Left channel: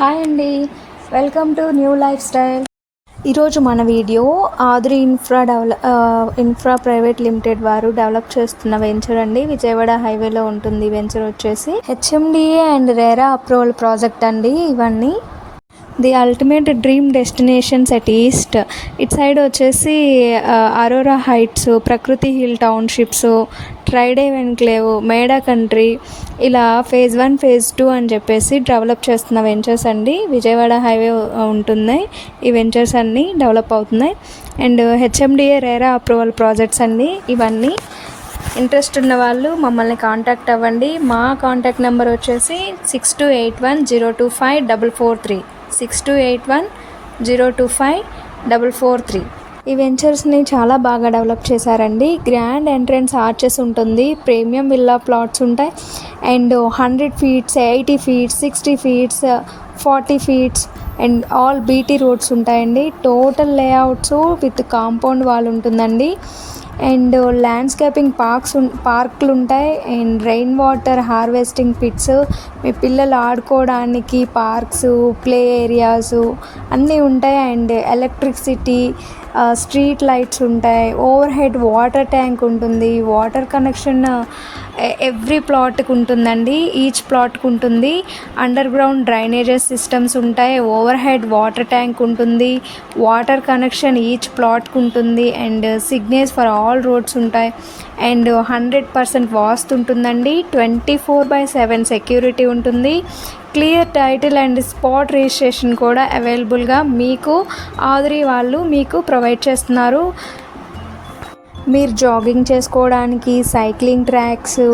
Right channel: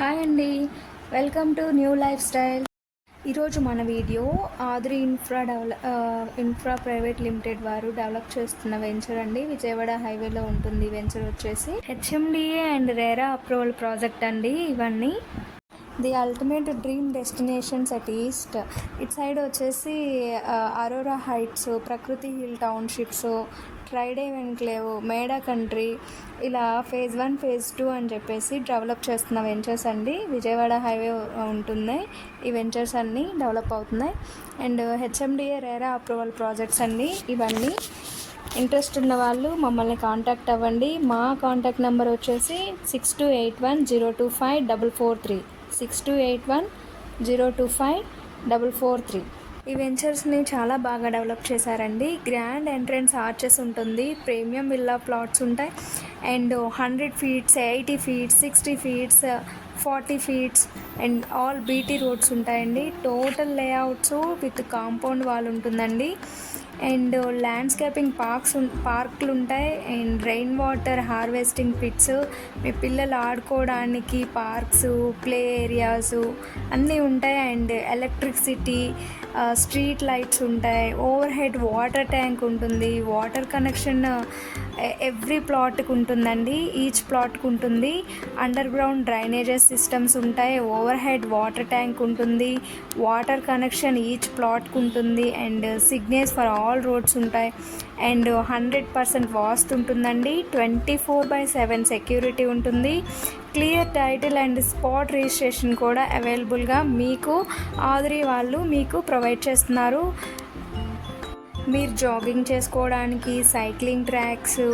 Hi అండి, welcome to new life style. ఈరోజు మన వీడియో ఆద్రి ఇన్ఫ్రా ప్రైవేట్ లిమిటెడ్ వారు డెవలప్ చేస్తున్న వెంచర్ అండి. విజయవాడ హైవేలో ఉంటుంది. వెంచర్ వచ్చేసి HMDA and RERA approval project అండి. ఇవన్నీ the ultimate dream destinations at east. ఇటు సైడ్ వచ్చేసి అరోరా హైట్స్, ప్రకృతి హిల్ టౌన్షిప్స్, ట్రైడేవ్ ఎన్క్లేవ్, మేడా కంట్రీ, ఇలా ఫేజ్ 1 ఫేజ్ 2 అని చెప్పేసి డెవలప్ చేస్తున్న వెంచర్స్ అండి. విజయవాడ హైవే ఉంటున్నాయి ఈ వెంచర్స్ అన్నీ డెవలప్ అవుతున్నాయి. And HMDA RERA approval projects అండి ఇవన్నీ. ఇంట్రెస్ట్ ఉన్న వాళ్ళు మమ్మల్ని కాంటాక్ట్ అవ్వండి. మా కాంటాక్ట్ నెంబర్ వచ్చేసి 6281025443 6281025443. ఈ వెంచర్స్ని చాలా బాగా డెవలప్ చేశారండి. గ్రాండ్ ఎంట్రన్స్ ఆర్చెస్ ఉంటుంది, ప్రీమియం విల్లా ప్లాట్స్ ఉంటాయి, and 100 feets, 80 feets, 60 feets, 40 feets and all BT roads ఉంటాయండి. Total layouts with compound wall ఉంటుందండి. అండ్ ల్యాండ్స్కేపింగ్ పార్కులు ఉంటాయి, and rain water harvesting pits, మీ పిల్లలు ఆడుకోవడానికి పార్క్స్, ప్లే ఏరియాస్ అన్నీ ఉంటాయి. అండ్ ఎలక్ట్రిసిటీ, స్ట్రీట్ లైట్స్ ఉంటాయి, ఓవర్ హెడ్ వాటర్ ట్యాంక్ ఉంటుంది, వాటర్ కనెక్షన్ ఎవ్రీ ప్లాట్కి ఉంటుందండి, ఈచ్ ప్లాట్కి ఉంటుంది. అండర్ గ్రౌండ్ డ్రైనేజెస్ సిస్టమ్స్ ఉంటాయి, ఓవర్ హెడ్ వాటర్ ట్యాంక్ ఉంటుంది, వాటర్ కనెక్షన్ ఈచ్ ప్లాట్కి ఉంటుంది, and signals for all roads ఉంటాయి. అండ్ 100% వాస్తు ఉంటుందండి. 24/7 సెక్యూరిటీ ఉంటుంది. Clear title and spot registration కూడా అవైలబుల్గా మీకు ఆద్రి వాళ్ళు మీకు ప్రొవైడ్ చేస్తున్నారు. మీరు జాగింగ్ చేసుకోవడానికి సైక్లింగ్ ట్రాక్స్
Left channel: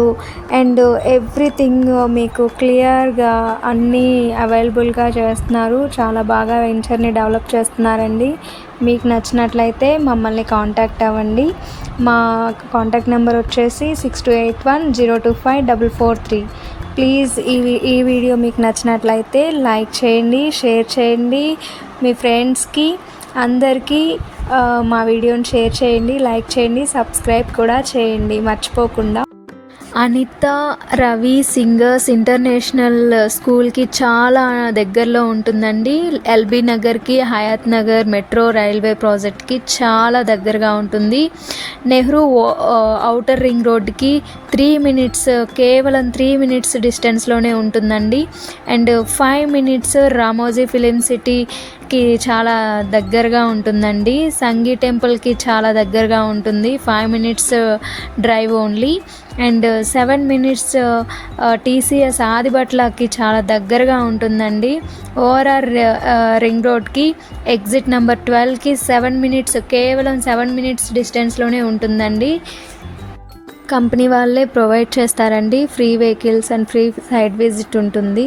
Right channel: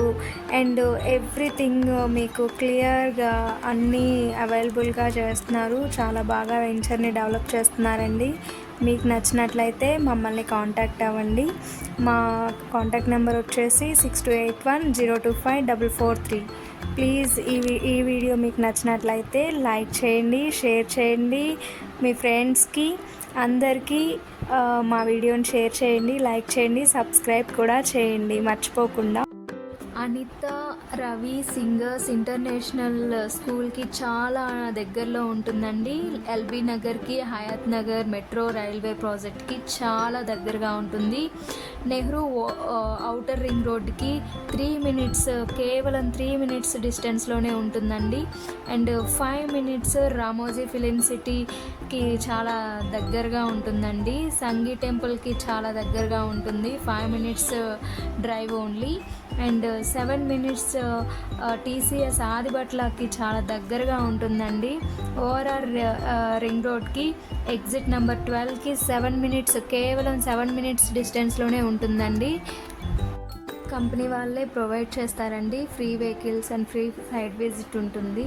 అండ్ ఎవ్రీథింగ్ మీకు క్లియర్గా అన్నీ అవైలబుల్గా చేస్తున్నారు. చాలా బాగా వెంచర్ని డెవలప్ చేస్తున్నారండి. మీకు నచ్చినట్లయితే మమ్మల్ని కాంటాక్ట్ అవ్వండి. మా కాంటాక్ట్ నెంబర్ వచ్చేసి 6281025443. ప్లీజ్ ఈ వీడియో మీకు నచ్చినట్లయితే లైక్ చేయండి, షేర్ చేయండి, మీ ఫ్రెండ్స్కి అందరికీ మా వీడియోని షేర్ చేయండి, లైక్ చేయండి, సబ్స్క్రైబ్ కూడా చేయండి మర్చిపోకుండా. అనిత రవి సింగర్స్ ఇంటర్నేషనల్ స్కూల్కి చాలా దగ్గరలో ఉంటుందండి. ఎల్బీ నగర్కి, హయాత్ నగర్ మెట్రో రైల్వే ప్రాజెక్ట్కి చాలా దగ్గరగా ఉంటుంది. నెహ్రూ ఔటర్ రింగ్ రోడ్కి 3 మినిట్స్, కేవలం 3 మినిట్స్ డిస్టెన్స్లోనే ఉంటుందండి. అండ్ 5 మినిట్స్ రామోజీ ఫిలిం సిటీకి చాలా దగ్గరగా ఉంటుందండి. సంగీ టెంపుల్కి చాలా దగ్గరగా ఉంటుంది, 5 minutes drive only. And 7 minutes TCS ఆదిబట్లకి చాలా దగ్గరగా ఉంటుందండి. ఓఆర్ఆర్ రింగ్ రోడ్కి ఎగ్జిట్ నెంబర్ 12కి 7 మినిట్స్, కేవలం 7 మినిట్స్ డిస్టెన్స్లోనే ఉంటుందండి. కంపెనీ వాళ్ళే ప్రొవైడ్ చేస్తారండి free vehicles and free site visit ఉంటుంది.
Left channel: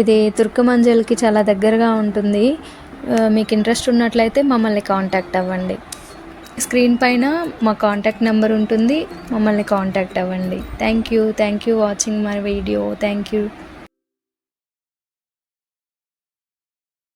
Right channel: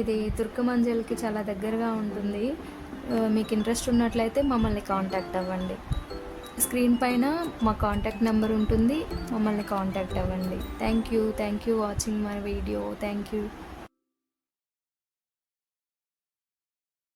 ఇది తుర్కమంజల్కి చాలా దగ్గరగా ఉంటుంది. మీకు ఇంట్రెస్ట్ ఉన్నట్లయితే మమ్మల్ని కాంటాక్ట్ అవ్వండి. స్క్రీన్ పైన మా కాంటాక్ట్ నెంబర్ ఉంటుంది, మమ్మల్ని కాంటాక్ట్ అవ్వండి. Thank you watching my video. Thank you.